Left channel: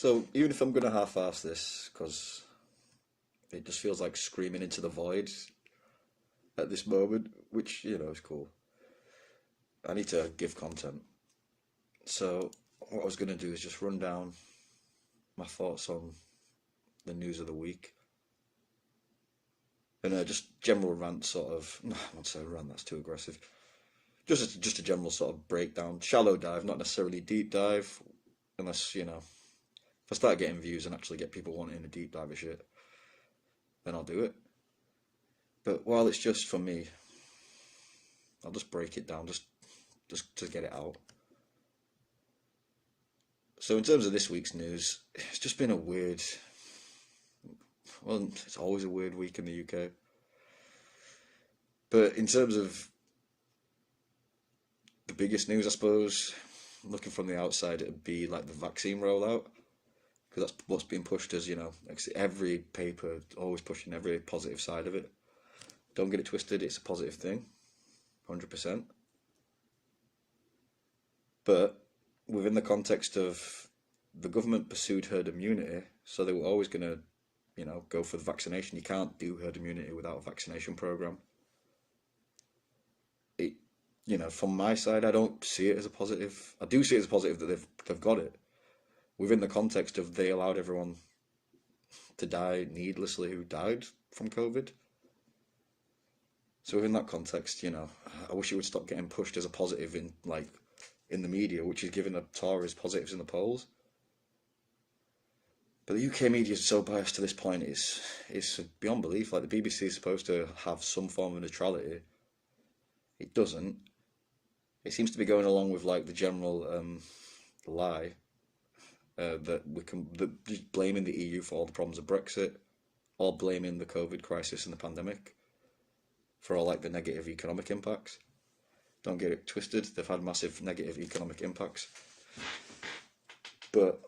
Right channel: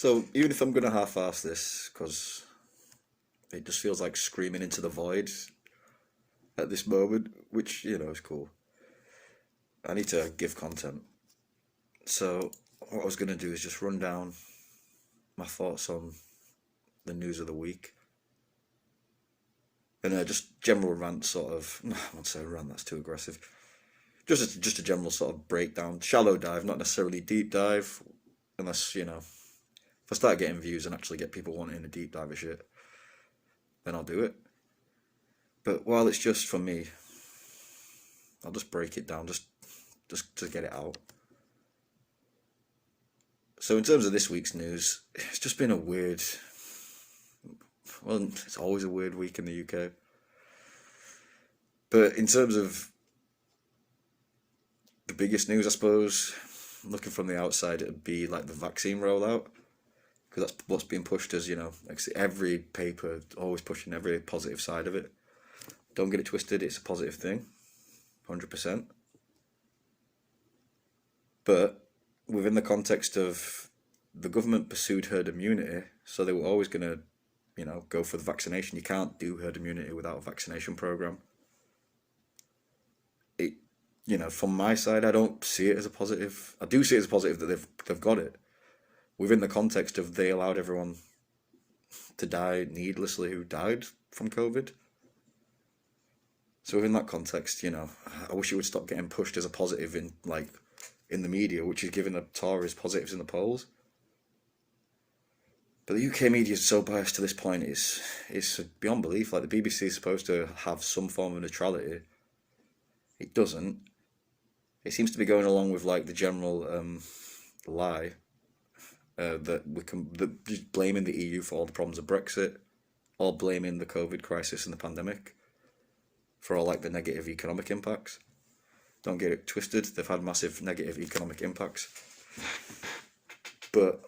So even if I'm gonna half-ass this, because it just feels like screaming into the void at this moment, which is cool. I need to give content. So what I was gonna do is just run down my thoughts on the news of the week, and just general rant, sort of. I won't say rant. That's too aggressive. Just a general sort of breakdown, shallow dive, not necessarily deep dive, unless if I start getting views and actually get people wanting a deep dive of shit, then I'll do it. But while it's just for me, I'll just break it down, just to get it out. So in terms of this week's news, it's just been a weird, well, it's always a weird week in the UK. But in terms of the biggest news, I suppose, looking from the outside, it'd be like the vaccine rollout, because that's what's being pushed as, like every paper always pushing every positive side of it. Don't get it twisted, it's a positive thing, 100%. But within the context of the government pursued herd immunity, so they were always going to, go for the vaccination. You can't do herd immunity without a vaccination program. From my side, I don't see it as a positive. I do see it as a positive that they've got it, within the context of they allowed everyone to die needlessly who died from COVID. So within that context, I wish it would stop getting pushed as a positive in the media, which is giving the Tories positives in the polls. But the UK media is so biased to this point, it's beyond belief. Like, the BBC is supposed to have some form of neutrality. It doesn't. It seems to be going along with the general lie that just blaming the EU for all the problems of Brexit, or blaming the COVID crisis and the pandemic for all the negative economic impacts. Don't get it twisted, they've had massive negative economic impacts. But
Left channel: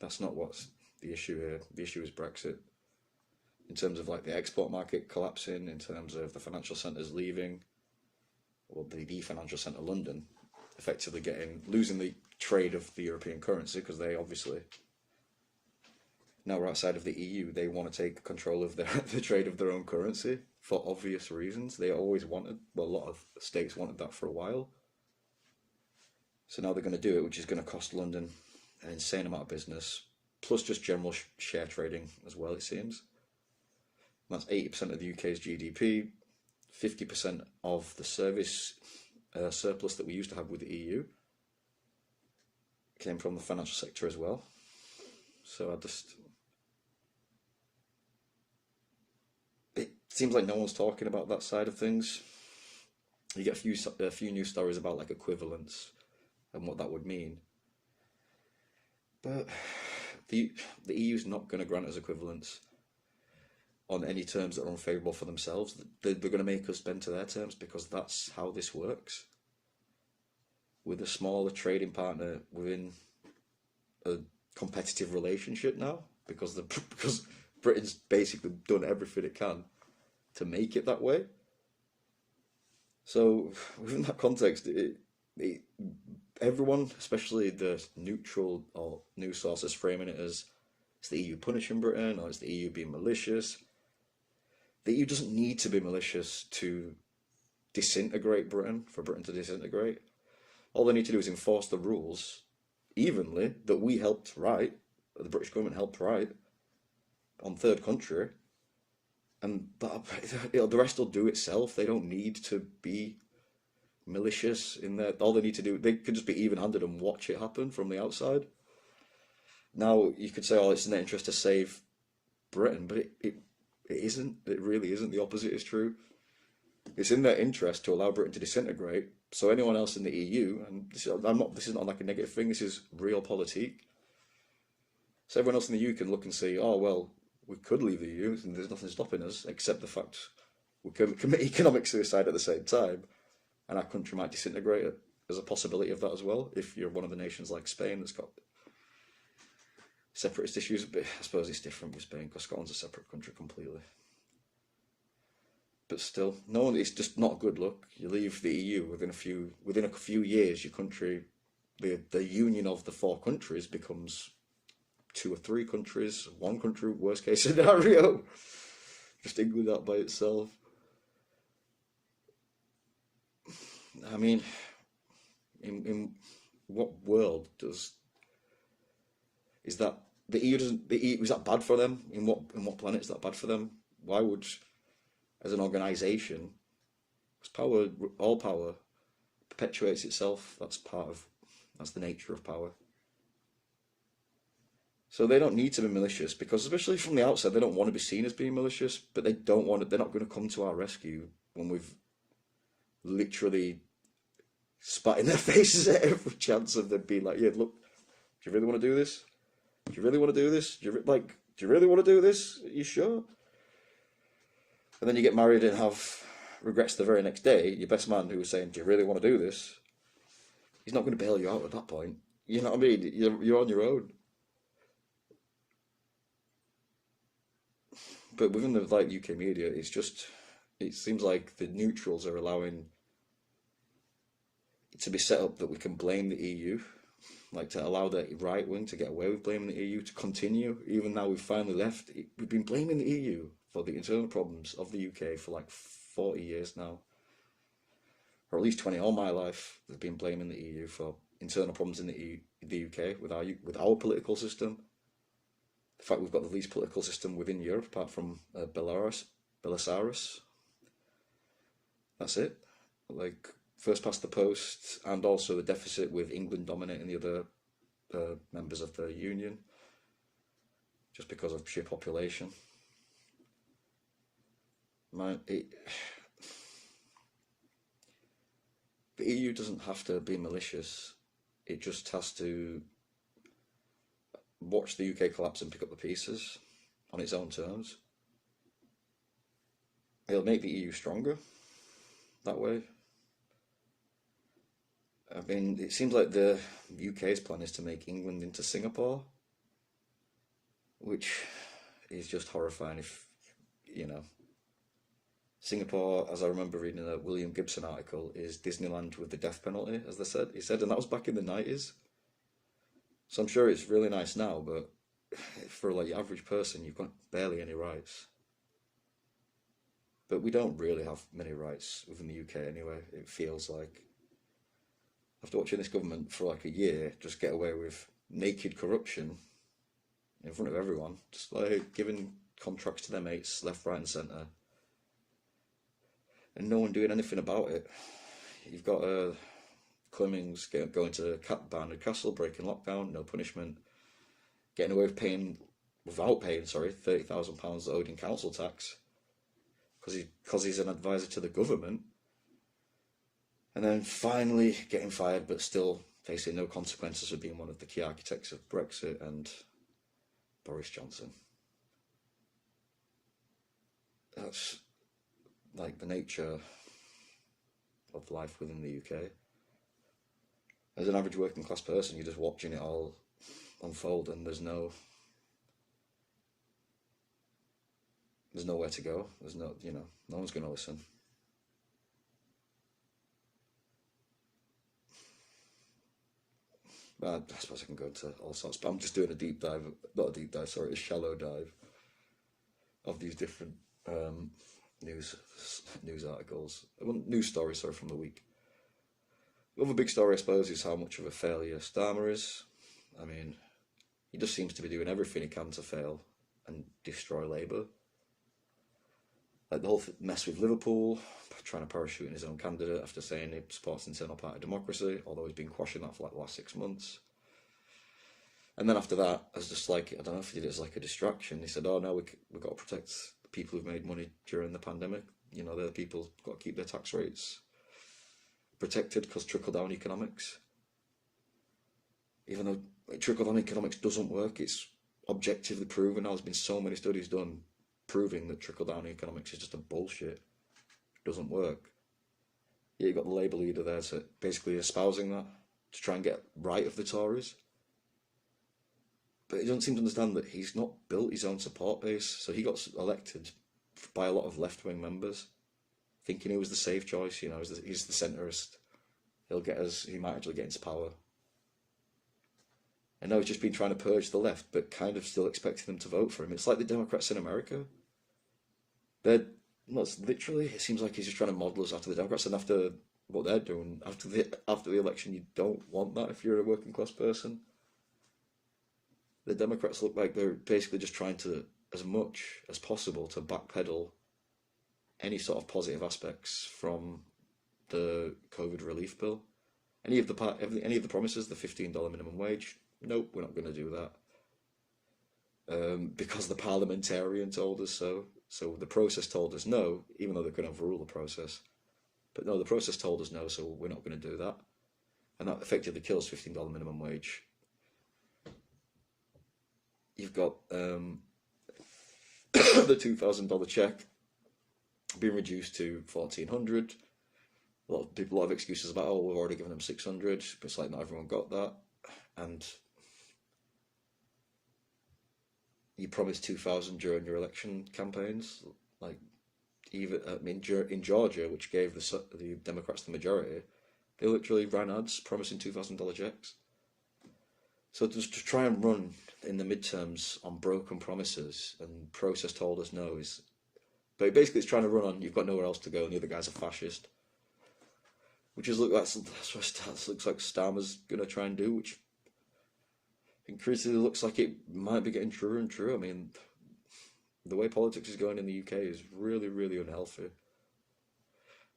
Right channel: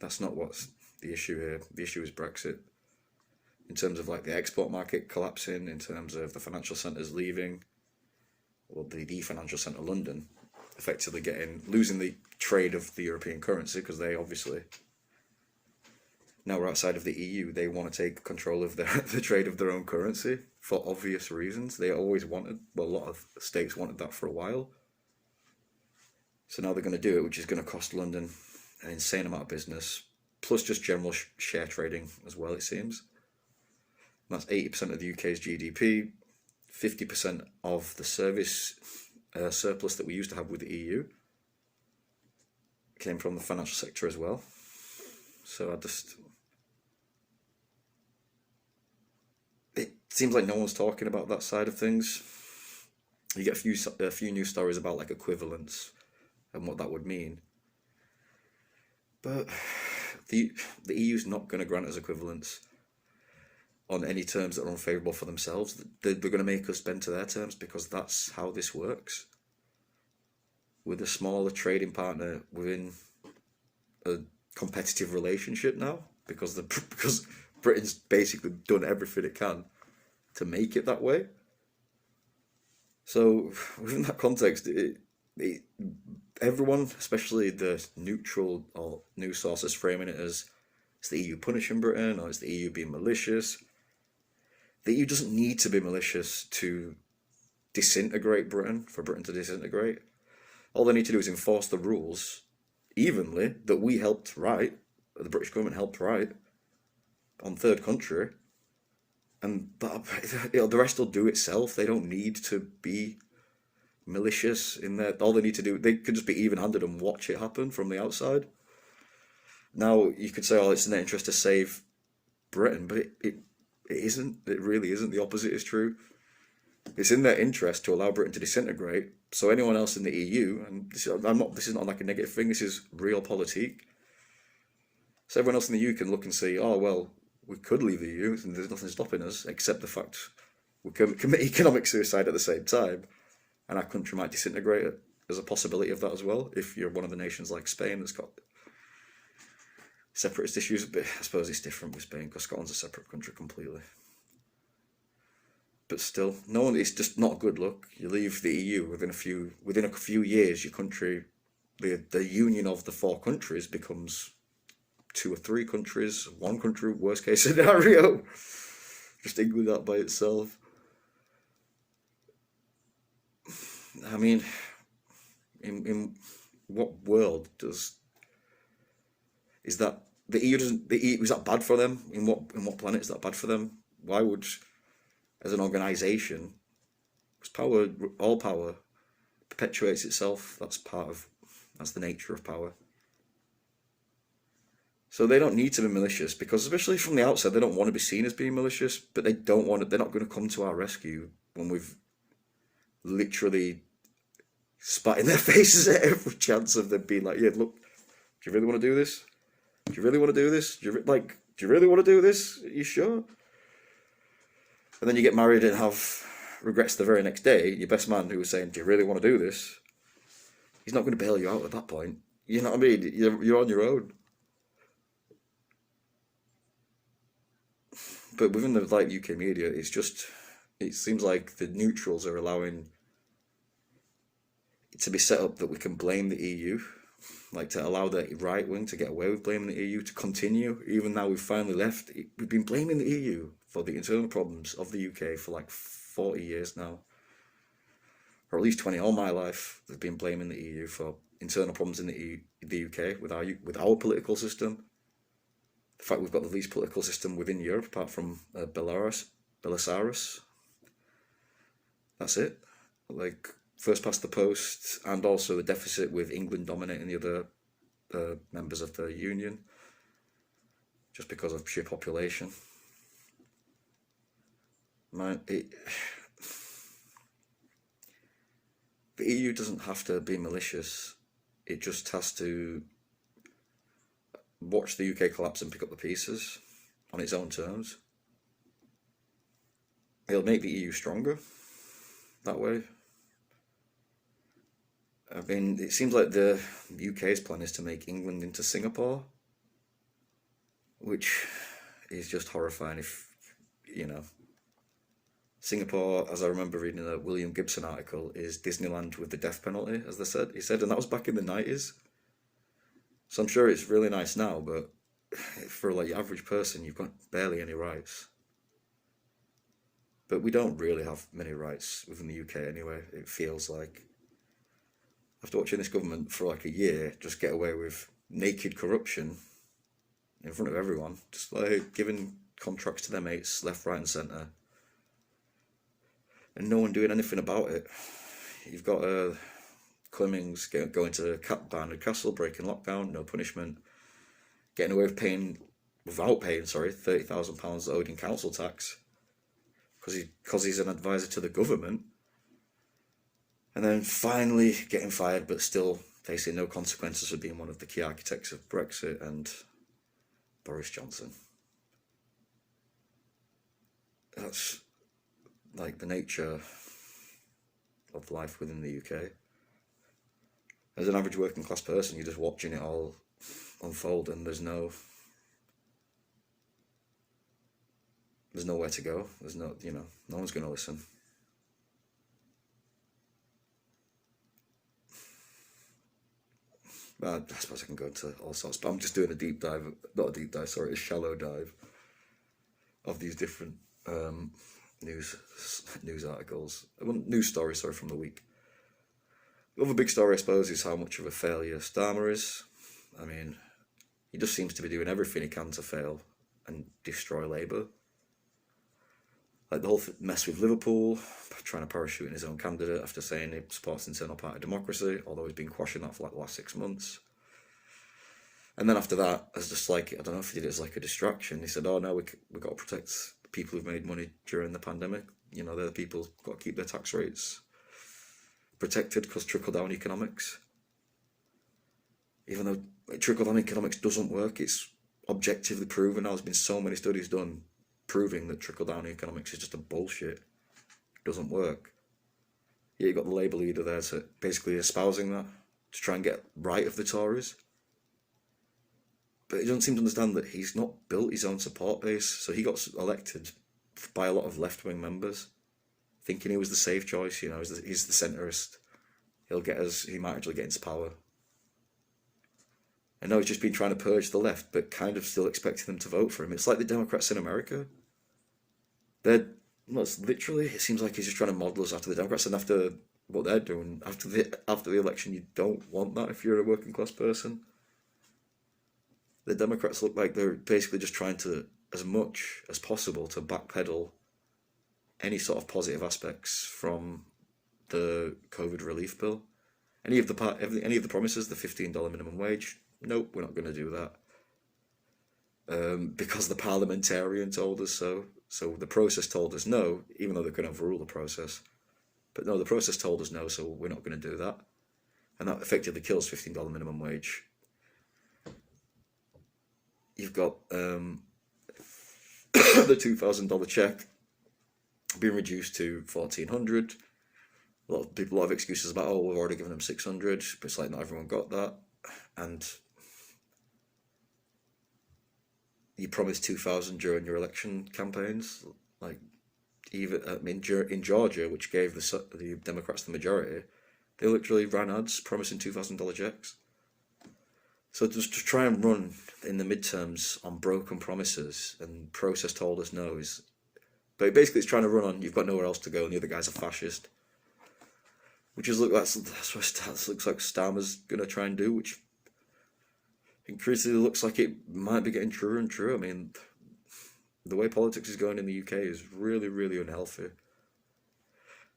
that's not what's the issue here. The issue is Brexit. In terms of the export market collapsing, in terms of the financial centres leaving, or the financial centre London, effectively losing the trade of the European currency, because they obviously, now we're outside of the EU, they want to take control of the trade of their own currency for obvious reasons. They always wanted, well, a lot of states wanted that for a while. So now they're going to do it, which is going to cost London an insane amount of business, plus just general share trading as well, it seems. And that's 80% of the UK's GDP, 50% of the service surplus that we used to have with the EU came from the financial sector as well. So it seems like no one's talking about that side of things. You get a few news stories about equivalence and what that would mean, but the EU's not going to grant us equivalence on any terms that are unfavourable for themselves. They're going to make us bend to their terms, because that's how this works. With a smaller trading partner within a competitive relationship now, because Britain's basically done everything it can to make it that way. So within that context, everyone, especially the neutral or news sources, framing it as it's the EU punishing Britain, or it's the EU being malicious. The EU doesn't need to be malicious to disintegrate Britain, for Britain to disintegrate. All they need to do is enforce the rules evenly that we helped write, that the British government helped write, on third country, and the rest will do itself. They don't need to be malicious in there. All they need to do, they could just be even-handed and watch it happen from the outside. Now, you could say, oh, it's in their interest to save Britain, but it isn't. It really isn't. The opposite is true. It's in their interest to allow Britain to disintegrate, so anyone else in the EU, and this is not a negative thing, this is realpolitik. So everyone else in the EU can look and say, oh, well, we could leave the EU, and there's nothing stopping us, except the fact we can commit economic suicide at the same time, and our country might disintegrate. There's a possibility of that as well, if you're one of the nations like Spain that's got separatist issues. But I suppose it's different with Spain, because Scotland's a separate country completely. But still, it's just not a good look. You leave the EU within a few years, your country, the union of the four countries becomes 2 or 3 countries, 1 country, worst case scenario. Just England that by itself. I mean, in what world is that the EU doesn't the EU, is that bad for them? In what planet is that bad for them? Why would, as an organisation, because all power perpetuates itself. That's the nature of power. So they don't need to be malicious, because especially from the outside, they don't want to be seen as being malicious, but they're not going to come to our rescue when we've literally spat in their faces at every chance of them being like, yeah, look, do you really want to do this? Do you really want to do this? Do you really want to do this? Are you sure? And then you get married and have regrets the very next day. Your best man who was saying, do you really want to do this? He's not going to bail you out at that point. You know what I mean? You're on your own. But within the UK media, it seems like the neutrals are allowing it to be set up that we can blame the EU, like to allow the right wing to get away with blaming the EU, to continue. Even now we've finally left, we've been blaming the EU for the internal problems of the UK for like 40 years now, or at least 20. All my life they've been blaming the EU for internal problems in the UK with our political system. The fact we've got the least political system within Europe, apart from Belarus. That's it. Like, first past the post, and also the deficit with England dominating the other members of the Union, just because of sheer population. The EU doesn't have to be malicious. It just has to watch the UK collapse and pick up the pieces on its own terms. It'll make the EU stronger that way. I mean, it seems like the UK's plan is to make England into Singapore, which is just horrifying. If, Singapore, as I remember reading a William Gibson article, is Disneyland with the death penalty, as he said, and that was back in the 90s. So I'm sure it's really nice now, but for like your average person, you've got barely any rights. But we don't really have many rights within the UK anyway. It feels like, after watching this government for like a year just get away with naked corruption in front of everyone, just like giving contracts to their mates left, right and centre, and no one doing anything about it. You've got Cummings going to Barnard Castle, breaking lockdown, no punishment, getting away with without paying £30,000 owed in council tax because he's an advisor to the government, and then finally getting fired but still facing no consequences for being one of the key architects of Brexit, and Boris Johnson. That's like the nature of life within the UK. As an average working class person, you're just watching it all unfold, and there's nowhere to go. There's no one's going to listen. I suppose I can go into all sorts, but I'm just doing a shallow dive of these different news articles, news stories, from the week. The other big story, I suppose, is how much of a failure Starmer is. I mean, he just seems to be doing everything he can to fail and destroy Labour. Like the whole mess with Liverpool, trying to parachute in his own candidate after saying he supports internal party democracy, although he's been quashing that for like the last 6 months. And then after that, as just like, I don't know if he did it as like a distraction, he said, oh no, we've got to protect the people who've made money during the pandemic. They're the people who've got to keep their tax rates protected because trickle-down economics. Even though trickle-down economics doesn't work, it's objectively proven. There's been so many studies done proving that trickle-down economics is just a bullshit. It doesn't work. Yeah, you've got the Labour leader there to basically espousing that, to try and get right of the Tories. But he doesn't seem to understand that he's not built his own support base, so he got elected by a lot of left-wing members, thinking he was the safe choice, he's the centrist. He might actually get into power. I know he's just been trying to purge the left, but kind of still expecting them to vote for him. It's like the Democrats in America. They're, well, it's literally, it seems like he's just trying to model us after the Democrats, and after what they're doing after the election, you don't want that if you're a working class person. The Democrats look like they're basically just trying to, as much as possible, to backpedal any sort of positive aspects from the COVID relief bill. Any of the promises, the $15 minimum wage, nope, we're not going to do that. Because the parliamentarian told us so. So the process told us no, even though they could overrule the process. But no, the process told us no, so we're not going to do that. And that effectively kills $15 minimum wage. You've got the $2,000 check being reduced to $1,400. A lot of excuses about, oh, we've already given them $600, but it's like not everyone got that. And you promised $2,000 during your election campaigns, like even in Georgia, which gave the Democrats the majority, they literally ran ads promising $2,000 checks. So just to try and run in the midterms on broken promises and process told us no is, but basically it's trying to run on you've got nowhere else to go and the other guy's a fascist, which is that's what looks like Starmer's gonna try and do, which increasingly looks like it might be getting truer and truer. I mean, the way politics is going in the UK is really, really unhealthy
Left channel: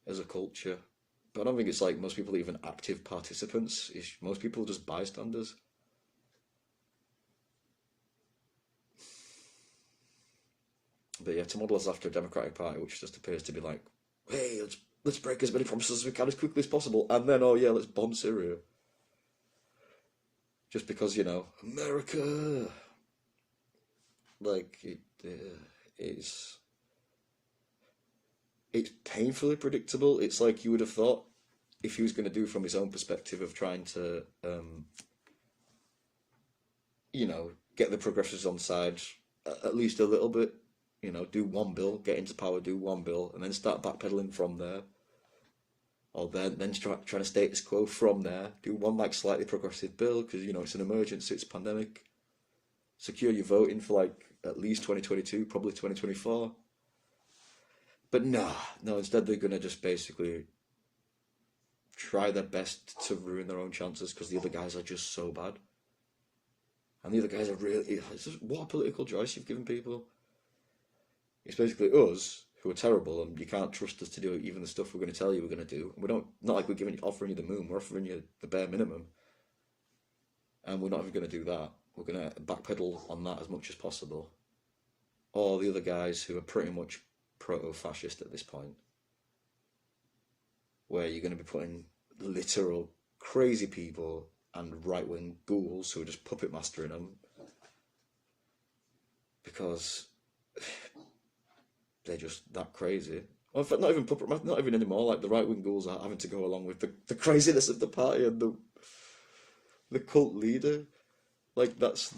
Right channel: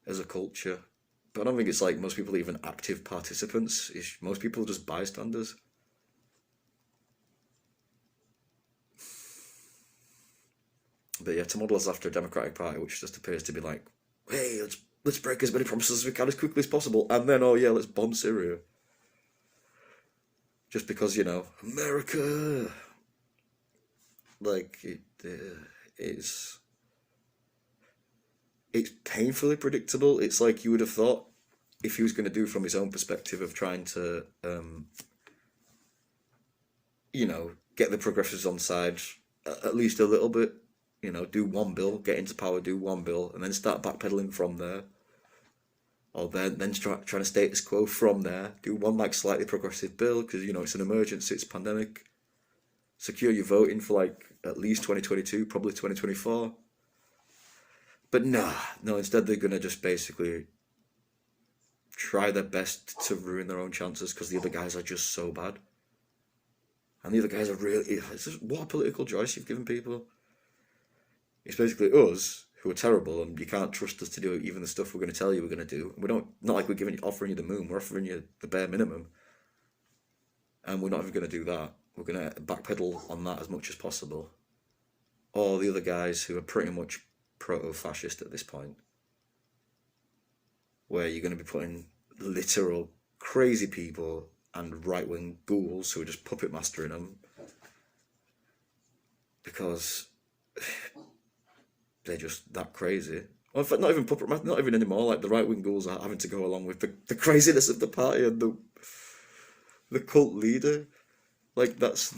as a culture. But I don't think it's like most people even active participants. Most people are just bystanders. But yeah, to model us after a Democratic Party, which just appears to be like, hey, let's break as many promises as we can as quickly as possible, and then, oh yeah, let's bomb Syria. Just because, America, like, it's painfully predictable. It's like you would have thought if he was going to do from his own perspective of trying to, get the progressives on side at least a little bit, do one bill, get into power, do one bill, and then start backpedaling from there. Or then trying to status quo from there. Do one like slightly progressive bill because it's an emergency, it's a pandemic. Secure your voting for like at least 2022, probably 2024. But no. Instead they're gonna just basically try their best to ruin their own chances because the other guys are just so bad. And the other guys are really. What a political choice you've given people. It's basically us who are terrible, and you can't trust us to do even the stuff we're going to tell you we're going to do. Not like we're offering you the moon, we're offering you the bare minimum. And we're not even going to do that. We're going to backpedal on that as much as possible. Or the other guys who are pretty much proto-fascist at this point, where you're going to be putting literal crazy people and right-wing ghouls who are just puppet mastering them. Because they're just that crazy. Well, in fact, not even anymore. Like the right wing ghouls are having to go along with the craziness of the party and the cult leader. Like that's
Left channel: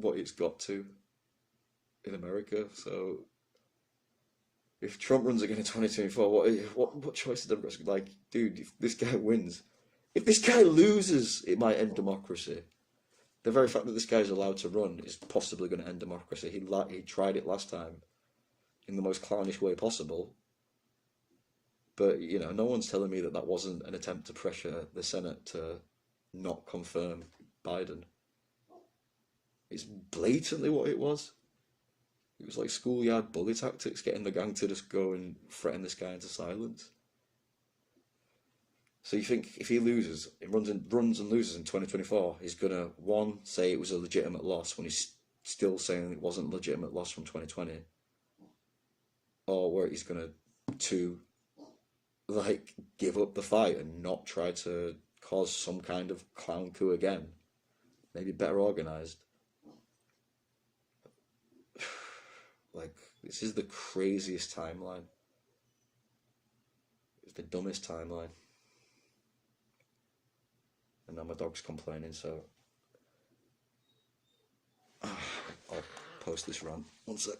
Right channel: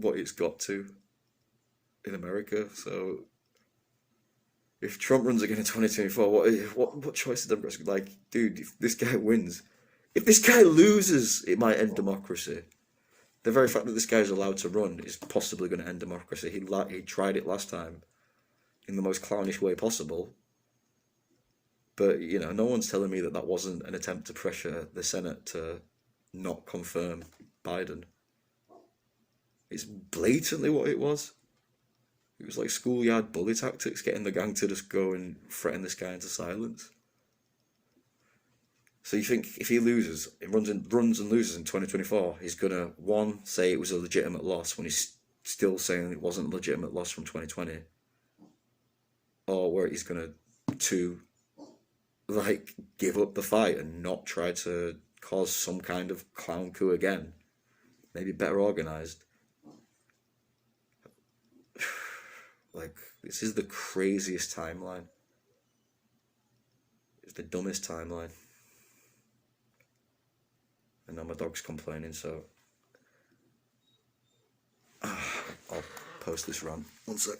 what it's got to in America. So if Trump runs again in 2024, what choice is Democrats? Like, dude, if this guy wins, if this guy loses, it might end democracy. The very fact that this guy's allowed to run is possibly going to end democracy. He tried it last time in the most clownish way possible. But, no one's telling me that wasn't an attempt to pressure the Senate to not confirm Biden. It's blatantly what it was. It was like schoolyard bully tactics, getting the gang to just go and threaten this guy into silence. So you think if he loses, runs and loses in 2024, he's going to, one, say it was a legitimate loss when he's still saying it wasn't a legitimate loss from 2020. Or where he's going to, two, like, give up the fight and not try to cause some kind of clown coup again. Maybe better organised. Like, this is the craziest timeline. It's the dumbest timeline. And now my dog's complaining, so I'll post this rant. 1 sec.